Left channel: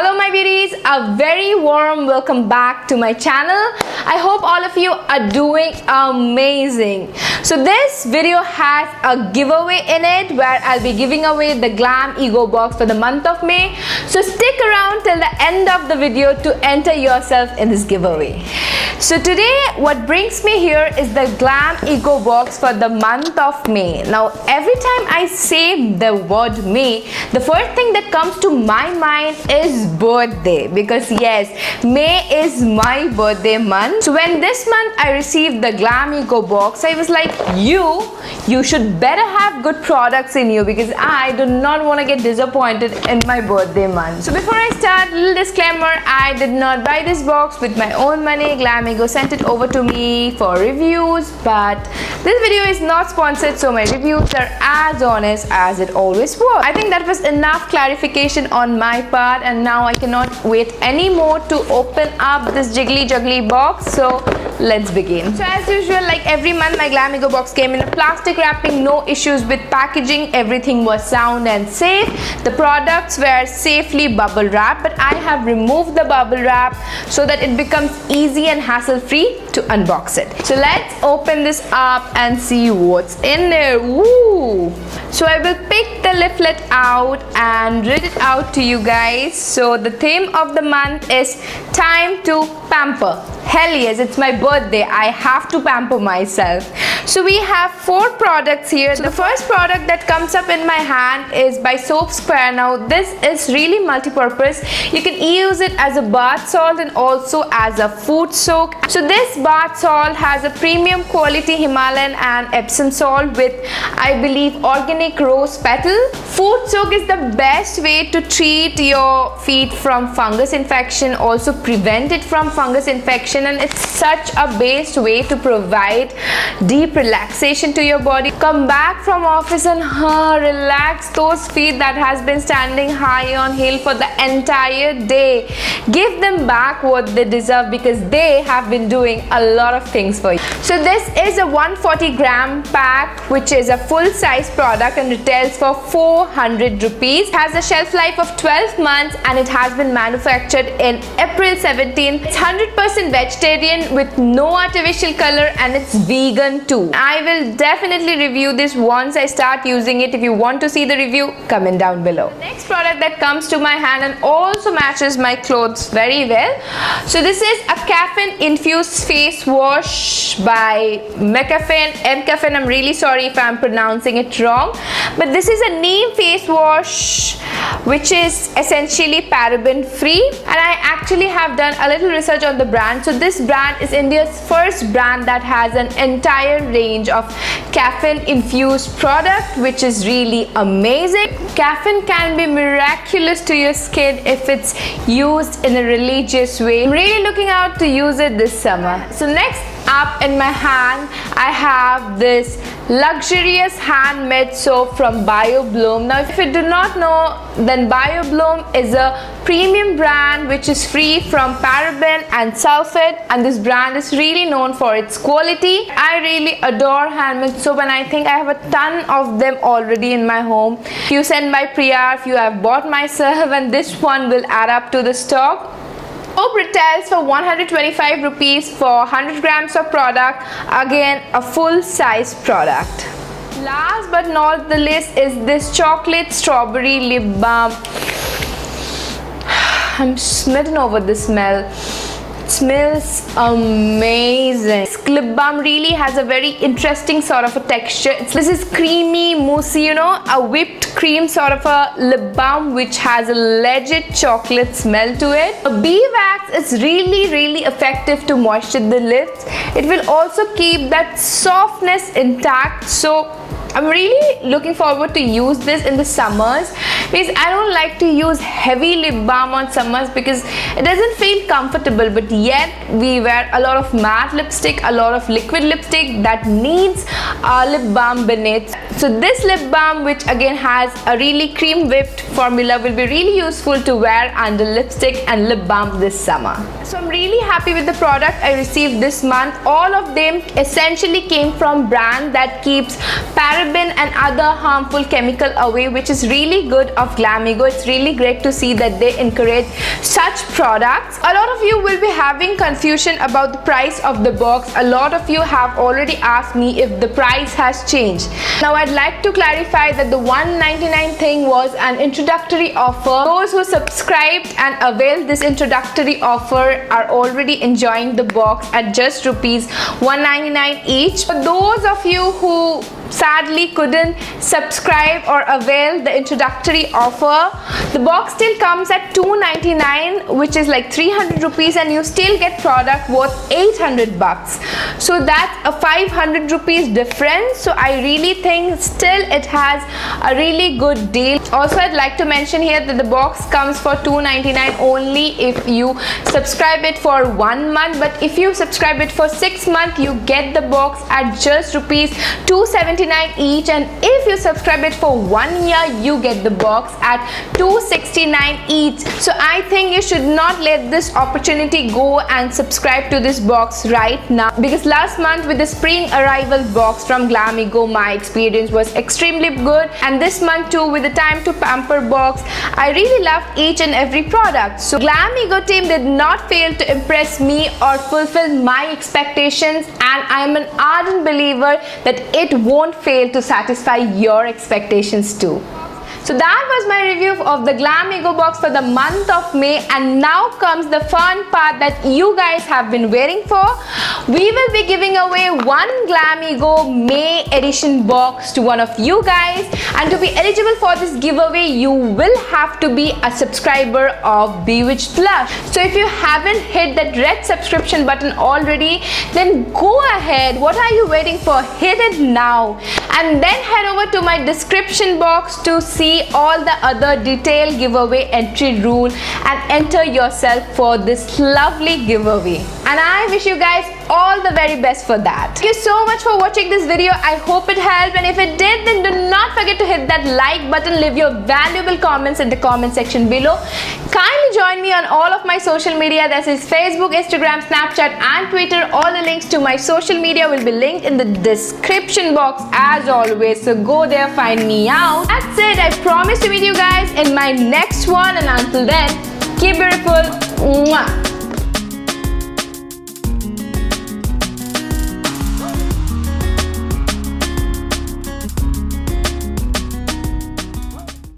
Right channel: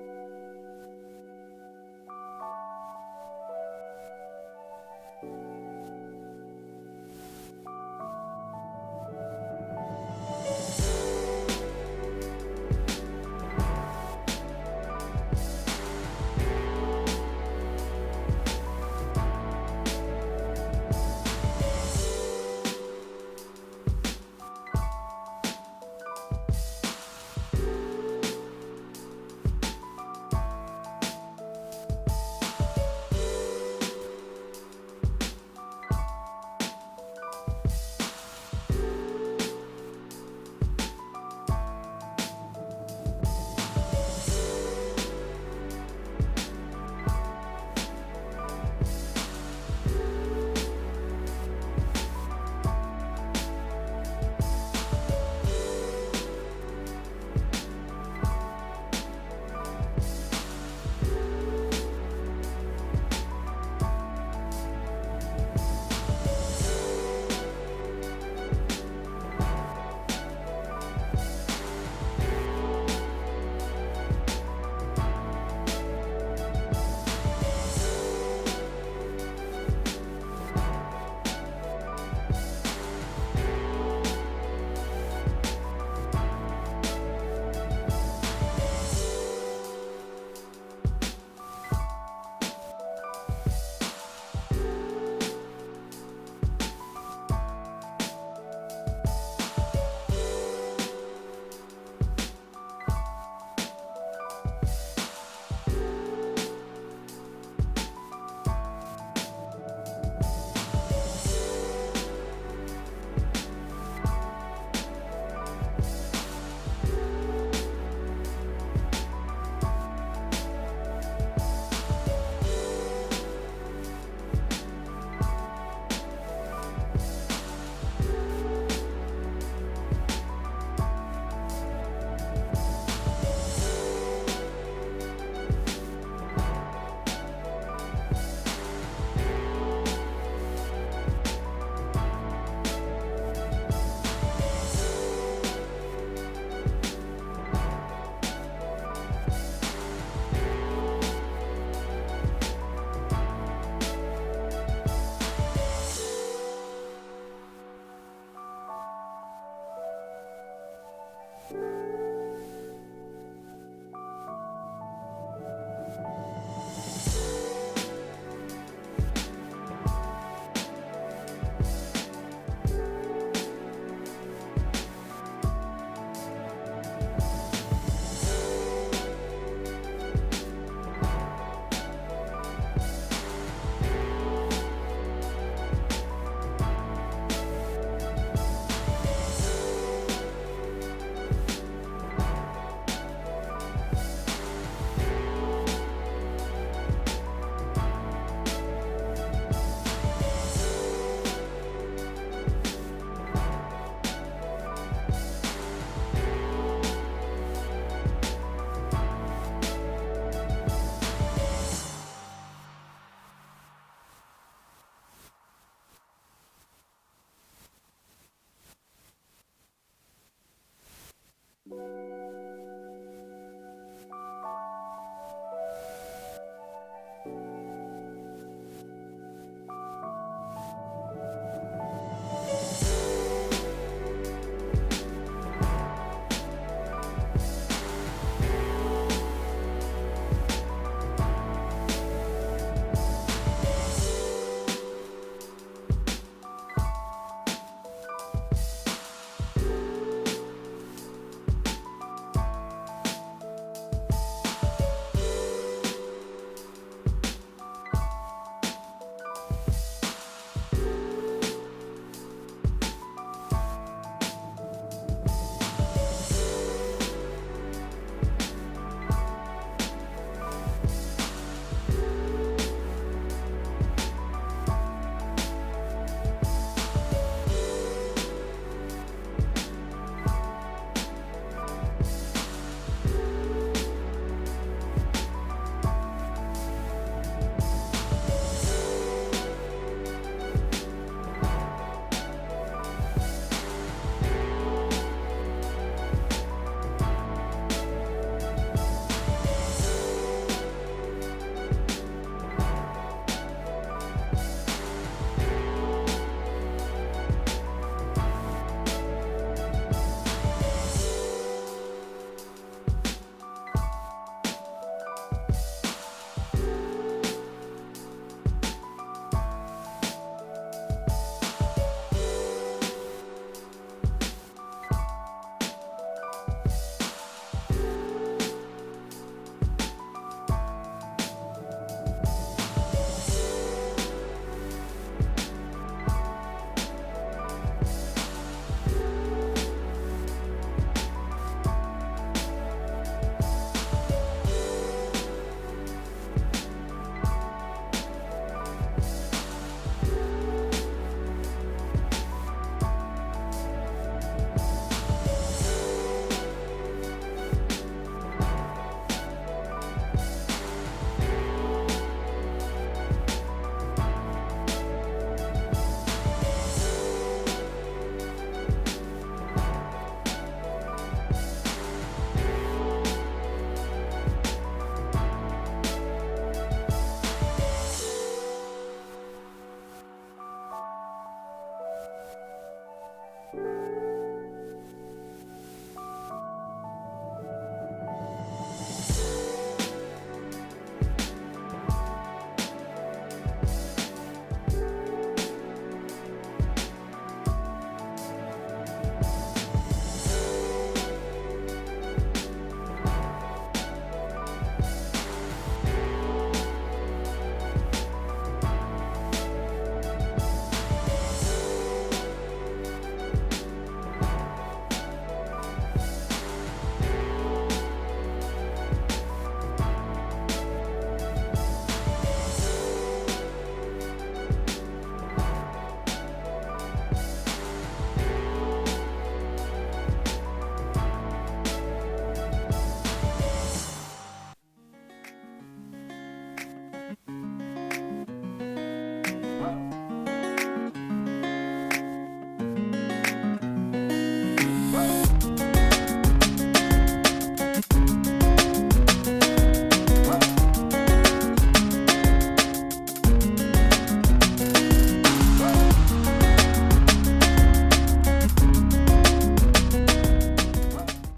Hello my beauties, a very warm welcome back to my channel. I hope all of you are doing amazing. So this video has a giveaway in it where I'll be giving away the Glam Ego box for the month of May. So stick around till the end of the video to enter yourself in this giveaway. So today what brings me here is the Glam Ego box for the month of May. Now every time I say the word May, the first thing that comes to my mind is birthday, because yes, May is my birthday month. So when this month I received the Glam Ego box, I was like, you should better have good products in you, because I do not want to get disappointed in my birthday month. So before I start, little disclaimer, I did not buy this box with my own money. Glam Ego sent it over to me for reviews, but this video is not sponsored, so my reviews are as honest as it always was. I think that was enough clarification on my part, and now I cannot wait anymore to open up this jiggly juggly box. So let's begin. So as usual, like every month, my Glam Ego box came in a plastic wrapping, no issues with packaging, everything was sound and safe. The products were safely bubble wrapped, but I have removed the bubble wrap so that it becomes easy and hassle free to unbox it. So let's open this up and see what's in there. Woo! So I will pick the leaflet out and read it out to you guys. So the theme of the month is time to pamper. Hell yes, it's my birthday. I have to pamper myself. So we have 4 products here. So the first product that comes up in my hand is by Soap Square. Now this is really multi-purpose. You can use it as a bath salt and also as a food soak. So this bath salt has a premium quality Himalayan and Epsom salt with, I believe, organic rose petal. Food soak is the best way to treat your feet from fungus infection, also prevent it from fungus infection, and it's such a best way to provide deep relaxation to your body. Come back from office and relax those feet that has been standing high on hill for the entire day. Give them back what they deserve, because they have been doing a lot of things for you. So this is a 140-gram pack, which is a full-size product and retails for 400 rupees. It has a shelf life of 12 months and it has been manufactured in April 17. It's 100% vegetarian with no artificial color, and it's vegan too. I will definitely review this once I start using it. If you want to see the review, comment down below. The next product that comes to my hand and also matches my clothes very well. So this is a caffeine infused face wash by McCaffeine. I'm really sorry if I'm pronouncing it wrong, but this is a neem face wash which is essentially paraben free, and I actually have done a little research on the brand. So this brand is India's first brand that has an entire range of caffeine infused product, which is really amazing. Caffeine can be miraculous to your skin if it's used in a religious way. I'm really looking out to use it this summer. So next up in my hand, I have this luxurious handmade soap from BioBloom. Now if you do not know, then BioBloom is a premium brand which is free from paraben and sulfate, and this brand is really known for its quality. I really adore handmade soap, and I think I have a ton of them already in my home. If you send by pre-R, if you have bought myself, and this one will add up to the stock. Soap retails for 125 rupees for 100 grams of product. Again, a full-size product. Last but not the least is this chocolate strawberry lip balm. I'm smitten over the smell. It smells amazing. This lip balm really has a very interesting sort of a texture. This is creamy, moussey, you know, a whipped cream sort of a lip balm which has a legit chocolate smell to it. The bee wax is really effective to moisture the lips. It will also keep that softness intact. So I'm really looking forward to use this in the summers, because I don't like to use heavy lip balm on summers because it doesn't feel comfortable, but yet we wear a lot of matte lipstick, a lot of liquid lipstick that needs a lip balm beneath. So this lip balm, which again has a really cream whipped formula, will be really useful to wear under lipstick and lip balm this summer. So I'm really happy with the product I received this month. All of them essentially came from brand that keeps paraben and other harmful chemical away, which is really good of Glamego. It's really great to see that they encourage such products. A lot of you will be having confusion about the price of the box. A lot of you have already asked me if the price has changed. Now I'd like to clarify that the $199 thing was an introductory offer. Those who subscribed and availed this introductory offer are already enjoying the box at just rupees $199 each. For those of you who sadly couldn't subscribe or avail the introductory offer, the box still comes at $299, which is like 300 rupees, and you still get product worth 800 bucks. So that's a 500 rupees difference. So I really think still it has a really good deal. Also, I'd like to mention here that the box comes for $299 only if you subscribe it for 1 month, but if you subscribe it for 6 months, you get the box at just rupees $279 each, and if you subscribe it for 1 year, you get the box at $269 each. So I think you should not let this opportunity go and subscribe to this box right now, because last month with the spring arrival box from Glamego, my experience was extremely good, and this month too with the Time to Pamper box, I really loved each and every product. So Glamego team did not fail to impress me or fulfill my expectations, and I am an ardent believer that it won't fail to satisfy your expectations too. So that was my review of the Glamego box for the month of May, and now comes the fun part that you guys have been waiting for. We will be giving away one Glamego May edition box to one of you guys, and to be eligible for this giveaway, you will have to be a subscriber of Bewitched Plus. So if you haven't hit that red subscription button already, then go ahead. What are you waiting for? Hit it now, and then head over to my description box to see all the other detailed giveaway entry rule and enter yourself for this lovely giveaway. And I wish you guys all the very best for that. Thank you so much for watching this video. I hope it helped, and if it did, then do not forget to hit that like button. Leave your valuable comments in the comment section below. Kindly join me on all of my social media, that is Facebook, Instagram, Snapchat and Twitter. All the links to my social media will be linked in the description box as always, so go there, find me out. That's it. I promise to meet you guys in my next one, and until then, keep beautiful.